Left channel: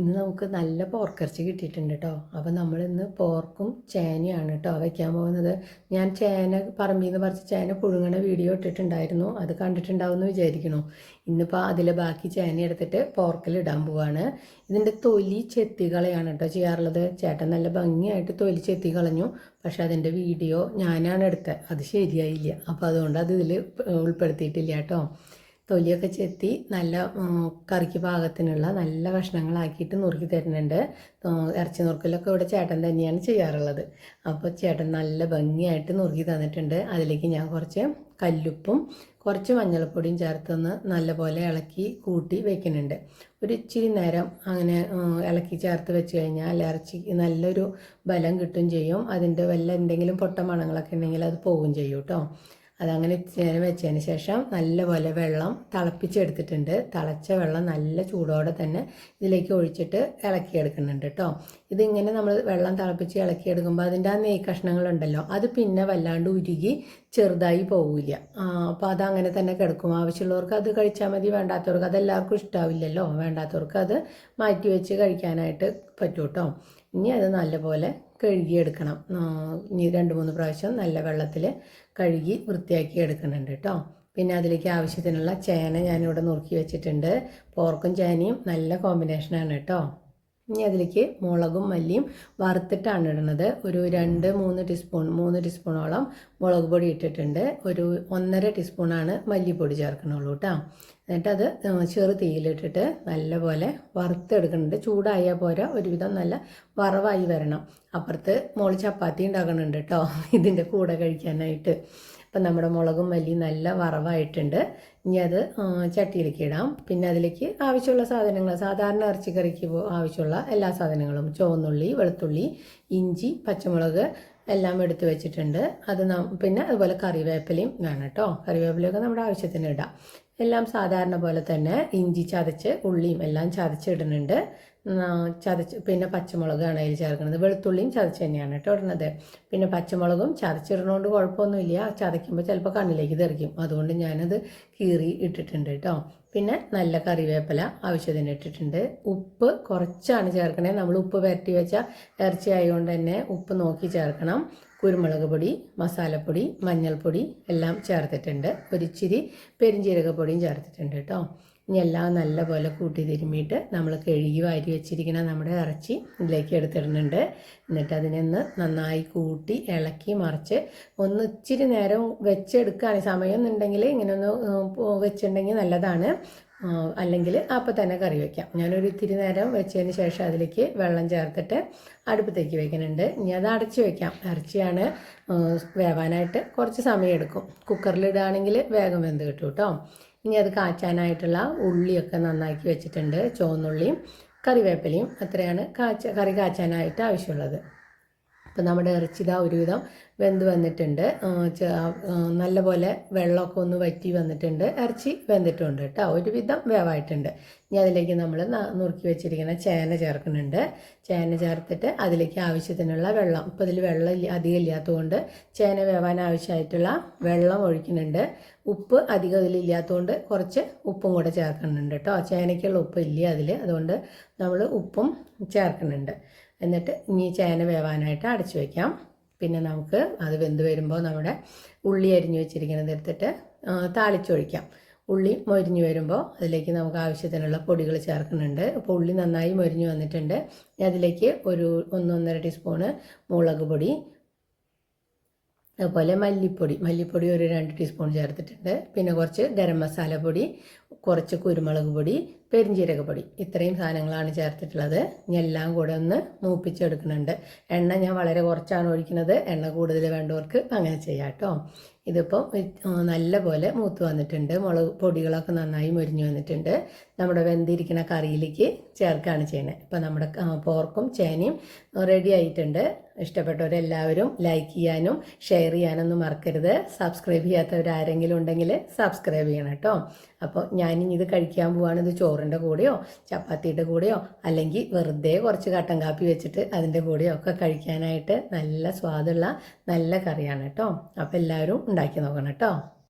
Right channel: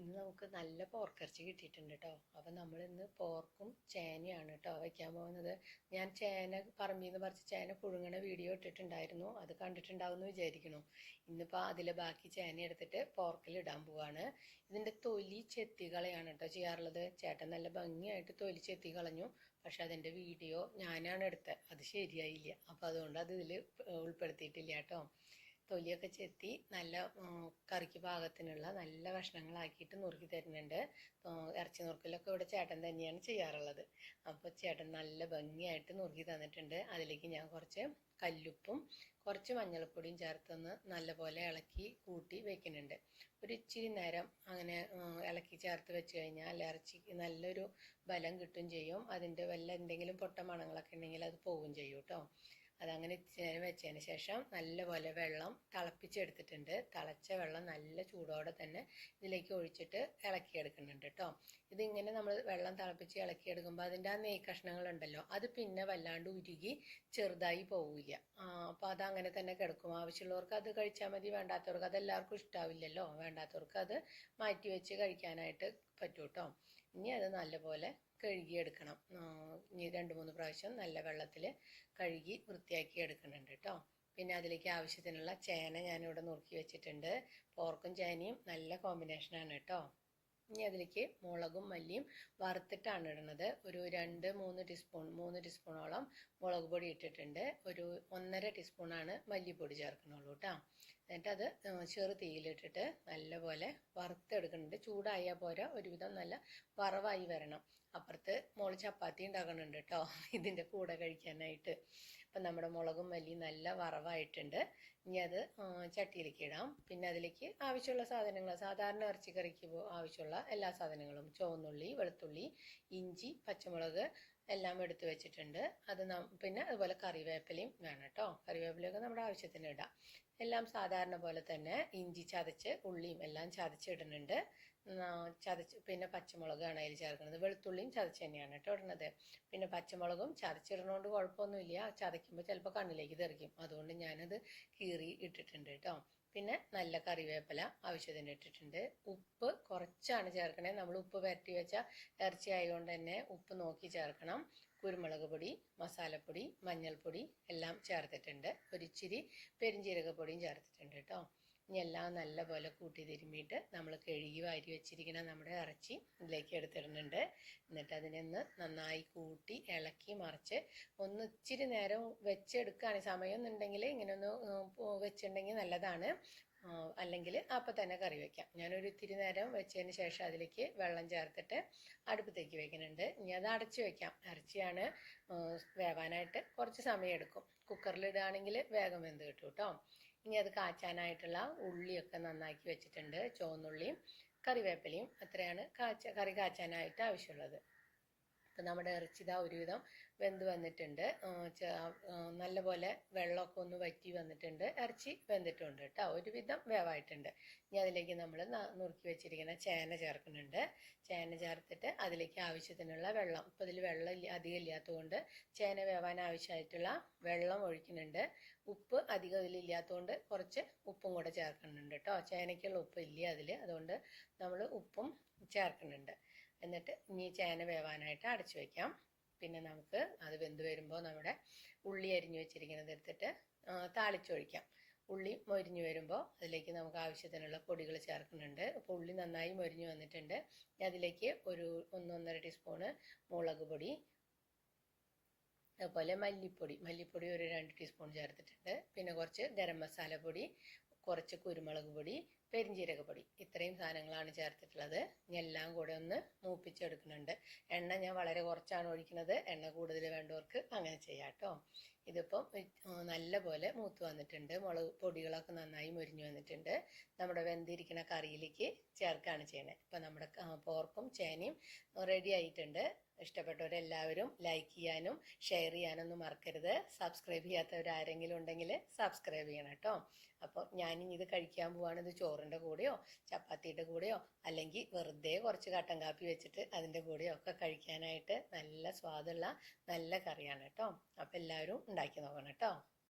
ഇന്ന് നമുക്ക് നല്ല പോർക്കിറച്ചി കിട്ടിയിട്ടുണ്ട് കേട്ടോ അപ്പോൾ നമ്മൾ ഇന്ന് പോർക്കും ചേനയാണ് കേട്ടോ വയ്ക്കാൻ പോകുന്നത്. ഞാൻ ചേന പറമ്പിൽ നിന്ന് പറിച്ച് ചേന പുഴുങ്ങണ വീഡിയോ ഇട്ടിട്ടുണ്ടായിരുന്നു. അത് കണ്ടിട്ടുണ്ടാവും എന്ന് വിചാരിക്കണു ഇന്നിപ്പോൾ അതിലെ ബാക്കി ചേന എടുത്തിട്ട് പോർക്കിൽ ഇടാൻ പോവാണ്. ഇതിന്റെ തൊലി ചെത്തി കളയാണ് കേട്ടോ ചെയ്യാറുള്ളത്. ചേട്ടൻ നല്ല ഭംഗിയായിട്ട് തൊലി ചെത്തി കളഞ്ഞു. പക്ഷെ അതിന്റെ വീഡിയോ ഞാനാണ് എടുത്തത്. അത് ശരിയായില്ല. അപ്പോൾ അതുകൊണ്ട് അത് ഇതിൽ ഉൾപ്പെടുത്തിയിട്ടില്ല കേട്ടോ തൊലിയൊക്കെ ചെത്തി നല്ല കറിക്ക് പാകത്തിനുള്ള നല്ല കഷ്ണങ്ങളാക്കിയിട്ട് നുറുക്കി തരുന്നുണ്ട്. ഇറച്ചി നുറുക്കലൊക്കെ ഇവിടെ ചേട്ടൻ തന്നെയാണ് ചെയ്യാറുള്ളത്. അപ്പോൾ ചേട്ടൻ നല്ല ഭംഗിയായിട്ട് നുറുക്കി തന്നിട്ടുണ്ട്. അതിലേക്ക് ഞാൻ കുറച്ച് കല്ലുപ്പും കുറച്ച് മഞ്ഞൾപ്പൊടിയും ചേർത്തൊന്ന് നല്ലപോലെ ഇളക്കി കൂട്ടി വെക്കുന്നുണ്ട്. ഒരു ഇച്ചിരി നേരം അങ്ങനെ ഇളക്കി ചേർത്ത് വെച്ച് കഴിഞ്ഞാൽ ഇറച്ചിക്ക് നല്ലൊരു ബലം കിട്ടും ചെയ്യും. അതിന്റെ വല്ല എന്തെങ്കിലും പൊട്ട മണങ്ങളൊക്കെ ഉണ്ടെങ്കിൽ അത് പോവുകയും ചെയ്യും കേട്ടോ. അതങ്ങനെ നേരം വെച്ചതിന് ശേഷം നല്ലപോലെ വെള്ളം തിളപ്പിച്ചെടുത്തിട്ടുണ്ട്. തിളച്ച വെള്ളം നല്ല ചൂടോടെ തന്നെ ഇതിലേക്ക് ഒഴിച്ചിട്ട് ഇളക്കിയെടുക്കുന്നുണ്ട് കേട്ടോ ഇതിങ്ങനെ നമ്മൾ വെള്ളം തിളപ്പിച്ച് ഇളക്കിയെടുക്കുമ്പോൾ അതിന്റെ ആ നെയ് കഷ്ണങ്ങളുണ്ടല്ലോ അത് പിന്നെ വല്ലാണ്ട് ഉരുകി ചെറുതായി പോവില്ല. അപ്പോൾ അതങ്ങനെ തന്നെ കിടക്കും. ആവശ്യമുള്ളവർക്ക് അത് കഴിച്ചാൽ മതി വേണ്ടാത്തവർക്ക് അതെല്ലാവർക്കും ഇഷ്ടാവില്ലല്ലോ. വേണ്ടാത്തവർക്ക് അത് മാറ്റി വെച്ച് കഴിക്കാനായിട്ട് പറ്റൂട്ടോ ഇനി അത് നല്ലപോലെ കഴുകിയെടുക്കണം. ഇനി രണ്ട് മൂന്ന് പ്രാവശ്യം നല്ല വെള്ളത്തിൽ കഴുകി വൃത്തിയാക്കി എടുക്കുന്നുണ്ട് കേട്ടോ. പിന്നെ അതിലേക്ക് ആവശ്യത്തിനുള്ള ചേന ഞാനിവിടെ നുറുക്കി വെച്ചിട്ടുണ്ട്. പോർക്കും ചേനയും നല്ല കോമ്പിനേഷനാണ് കേട്ടോ. ഇനി അതിലേക്ക് മുളകും മല്ലിയും വറുത്തിട്ടാണ് ഇടുന്നത്. ഒരു രണ്ട് മൂന്ന് ടീസ്പൂൺ മൂന്ന് ടീസ്പൂണോളം മുളക് പൊടി ഇട്ടിട്ടുണ്ട്. ഒരു ഒന്നര ടീസ്പൂണാണ് മല്ലിപ്പൊടി ചേർക്കണുള്ളൂ കേട്ടോ എന്നിട്ട് അത് ചെറു തീയിലിട്ടിട്ട് നല്ലപോലെ വറുത്തെടുക്കുന്നുണ്ട്. ചൂടായാൽ പോരാ ഒരുവിധം നല്ല വറവായി വരണം. അപ്പുറത്ത് മോൾ ചപ്പാത്തി ഉണ്ടാക്കുന്നുണ്ട് കേട്ടോ ഇതിന്റെ കൂടെ കഴിക്കാനായിട്ട്. അപ്പം നമ്മുടെ മുളകും മല്ലി നല്ല വറവായിട്ടുണ്ട്. ഇനി അത് ചട്ടിയിലേക്ക് ഇടാം. പിന്നെ അതിലേക്ക് ആവശ്യമുള്ള സാധനങ്ങൾ സാധാരണ ഇറച്ചിക്കറിക്ക് ആവശ്യമുള്ള എല്ലാ സാധനങ്ങളും ചുവന്നുള്ളി വെളുത്തുള്ളി ഇഞ്ചി പച്ചമുളക് എല്ലാം എടുത്ത് വെച്ചിട്ടുണ്ട്. അത് പിന്നെ അതുപോലെ കറിവേപ്പിലയും വേണം കേട്ടോ. കറിവേപ്പിലയൊക്കെ നമ്മുടെ ആവശ്യത്തിന് ഇടാം. എല്ലാം സാധാരണ പോലെ തന്നെ ഇഞ്ചി ചതച്ച് ഉള്ളിയും എല്ലാം ചതച്ചിടുന്നുണ്ട് ചതച്ച് പിന്നെ പച്ചമുളകാണ് അതിൽ ചേർക്കുന്നത്. വെളുത്തുള്ളിയും ചതച്ച് തന്നെയാണ് കേട്ടോ ഇടുന്നത്. പിന്നെ പച്ചമുളകും ചതച്ചിടുന്നതുകൊണ്ട് കുഴപ്പമൊന്നുമില്ല. ചതയ്ക്കുമ്പോൾ ചിലപ്പോൾ കണ്ണിലേക്ക് തെറിക്കും. അതുകൊണ്ട് ഞാനത് കീറി ഇട്ടിട്ടുണ്ട് കേട്ടോ. പിന്നെ നല്ല കറിവേപ്പില ആവശ്യത്തിന് ഇട്ടിട്ടുണ്ട്. ഉപ്പ് കുറച്ചാണ് ചേർക്കണേ. നമ്മൾ ഉപ്പ് വരട്ടി വെച്ച ഇറച്ചി ആയതുകൊണ്ട് തന്നെ ഉപ്പ് നോക്കി ചേർക്കണം. കുരുമുളക് പൊടി മസാലപ്പൊടി മഞ്ഞൾപ്പൊടി എല്ലാം ചേർത്തിട്ടുണ്ട്. ഒരിച്ചിരി പെരിഞ്ചീരകപ്പൊടിയും ചേർത്തിട്ടുണ്ട് കേട്ടോ. ഇനി എല്ലാം നല്ലപോലെ കൂട്ടി തിരുമ്മിയിട്ട് നമ്മൾ കഴുകി വാരി വെച്ചിരിക്കുന്ന നമ്മുടെ ഇറച്ചി ഇതിലേക്ക് എടുത്തിടുന്നുണ്ട്. എന്നിട്ട് അതിനൊന്ന് നന്നായി കൂട്ടി ഇളക്കി മറിച്ച് ഒന്ന് ഇച്ചിരി നേരം വെച്ചെടുക്കുകയാണ്. സമയം ഇങ്ങനെ ഒന്ന് വെച്ചിട്ടുണ്ടെങ്കിൽ നല്ലതാണ്. അല്ലെങ്കിൽ അപ്പം തന്നെ കറി വയ്ക്കാം ഞാനൊരു ഇത്തിരി നേരം വെച്ചതിന് ശേഷം അതിലേക്ക് വെള്ളം ചേർത്തിട്ട് അടുപ്പത്തേക്ക് വെക്കുന്നുണ്ട്. ഇനി അത് അടച്ച് വെക്കാം. ഇറച്ചിയാണ് വേവാനായിട്ട് കുറച്ച് സമയം എടുക്കും. കുക്കറിലിടുകയാണെങ്കിൽ വേഗം വെന്ത് കിട്ടും കേട്ടോ. ഇനി അത് കാച്ചാനായിട്ടുള്ള ഉള്ളിയൊക്കെ നന്നാക്കി വെച്ചിട്ടുണ്ട്. ചുവന്നുള്ളിയും കറിവേപ്പിലയും അത്രയാണ് കാച്ച കറി കാച്ചാനായിട്ട് ആവശ്യമുള്ളത്. അപ്പോൾ നമ്മുടെ ഇറച്ചി ഇതാ ഒരുവിധം വെന്ത് വന്നിട്ടുണ്ട്. നല്ലപോലെ വെള്ളമൊക്കെ ഒന്ന് വറ്റി വന്നിട്ടുണ്ട്. ഇറച്ചി വെന്തിട്ടുണ്ട് കേട്ടോ. ഒരുവിധം വേവായിട്ടുണ്ട്. ഇനി അതിലേക്ക് നമ്മൾ നുറുക്കി വെച്ചിരിക്കുന്ന ചേന ചേർക്കുന്നുണ്ട്. ചേന ചേർത്തിട്ട് അതിലേക്ക് ആവശ്യത്തിനുള്ള വെള്ളം ഇപ്പോൾ ഇതിൽ വെള്ളം അധികം ഇല്ലാത്തതുകൊണ്ട് ചേന വേവാൻ ആവശ്യമായിട്ടുള്ള വെള്ളം ഒഴിക്കുന്നുണ്ട്. ഉപ്പ് അധികം ഇതിലില്ലാത്തതുകൊണ്ട് കുറച്ച് ഉപ്പും കൂടെ ചേർക്കുന്നുണ്ട് കേട്ടോ. ചേനയ്ക്കുള്ള ഉപ്പ് ഇല്ല അതിൽ. അതുകൊണ്ട് നമ്മൾ ഉപ്പും ചേർക്കുന്നുണ്ട്. എന്നിട്ട് ഇനി ചേന വേവാനായിട്ട് അടച്ചു വയ്ക്കാം പിന്നെ നമുക്ക് അത് വെന്ത് വരുമ്പോൾ നമ്മുടെ ഉള്ളി അരിഞ്ഞു വെച്ചിരിക്കുന്നത് എടുത്തിട്ട് താളിച്ചൊഴിക്കാം. ഉള്ളി മൊരിഞ്ഞു വരുമ്പോൾ അതിലേക്ക് നമുക്ക് ആവശ്യത്തിനുള്ള പൊടികൾ ചേർക്കുന്നുണ്ട്. അപ്പോൾ ഉള്ളി നന്നായി മൊരിഞ്ഞു വന്നിട്ടുണ്ട്. അതിലേക്ക് ഒരു ഒന്നൊന്നര ടീസ്പൂണ് മുളക് പൊടി അതുപോലെ മല്ലിപ്പൊടി. മല്ലിപ്പൊടി ഒരു രണ്ട് ടീസ്പൂൺ ചേർത്തിട്ടുണ്ട്. പിന്നെ കുറച്ച് ഗരം മസാല പൊടി കുറച്ച് കുരുമുളക് പൊടി പെരിഞ്ചീരക പൊടി ഇത്രയും സാധനങ്ങളാണ് ചേർത്തിട്ടുള്ളത്. ഇനി എല്ലാം കൂടെ ഒന്ന് മൂപ്പിച്ചെടുക്കുന്നുണ്ട്. എണ്ണ ഞാൻ വളരെ കുറച്ചാണ് ഒഴിക്കുന്നത്. എണ്ണ കൂടുതൽ വേണ്ടവർക്ക് അങ്ങനെ ചെയ്യാം കേട്ടോ. ഇതിപ്പോൾ നല്ല പോലെ മൂത്ത് വന്നിട്ടുണ്ട്. മുളക് പൊടികളൊക്കെ നന്നായി മുരിഞ്ഞു വന്നിട്ടുണ്ട്. നമ്മുടെ വെന്തിരിക്കുന്ന കറിയിലേക്ക് ചേർക്കുകയാണ് ചെയ്യുന്നത്. ഇപ്പം നമ്മുടെ പോർക്കും ചേനയും റെഡി ആയിട്ടുണ്ട്. ഇഷ്ടപ്പെട്ടവരെല്ലാവരും ലൈക്ക് ചെയ്യാനും ഷെയർ ചെയ്യാനൊന്നും മറക്കരുത്. സബ്സ്ക്രൈബ് ചെയ്യാത്തവരാരെങ്കിലും ഉണ്ടെങ്കിൽ സബ്സ്ക്രൈബ് ചെയ്യണം കേട്ടോ. അപ്പോൾ ഞാനിനി ഇത് കഴിക്കാൻ പോവാണ്. ഇത് ചോറിന്റെ കൂടെയോ ചപ്പാത്തിയുടെ കൂടെയോ അല്ലെങ്കിൽ വെറുതെ കുറച്ച് കട്ടൻ കാപ്പി വെച്ചിട്ട് അതിന്റെ കൂടെയോ ഒക്കെ കഴിക്കാനായിട്ട് നല്ല സ്വാദുള്ള നല്ല കറിയാണ് കേട്ടോ അപ്പോൾ എല്ലാവരും ഉണ്ടാക്കി നോക്കണം കേട്ടോ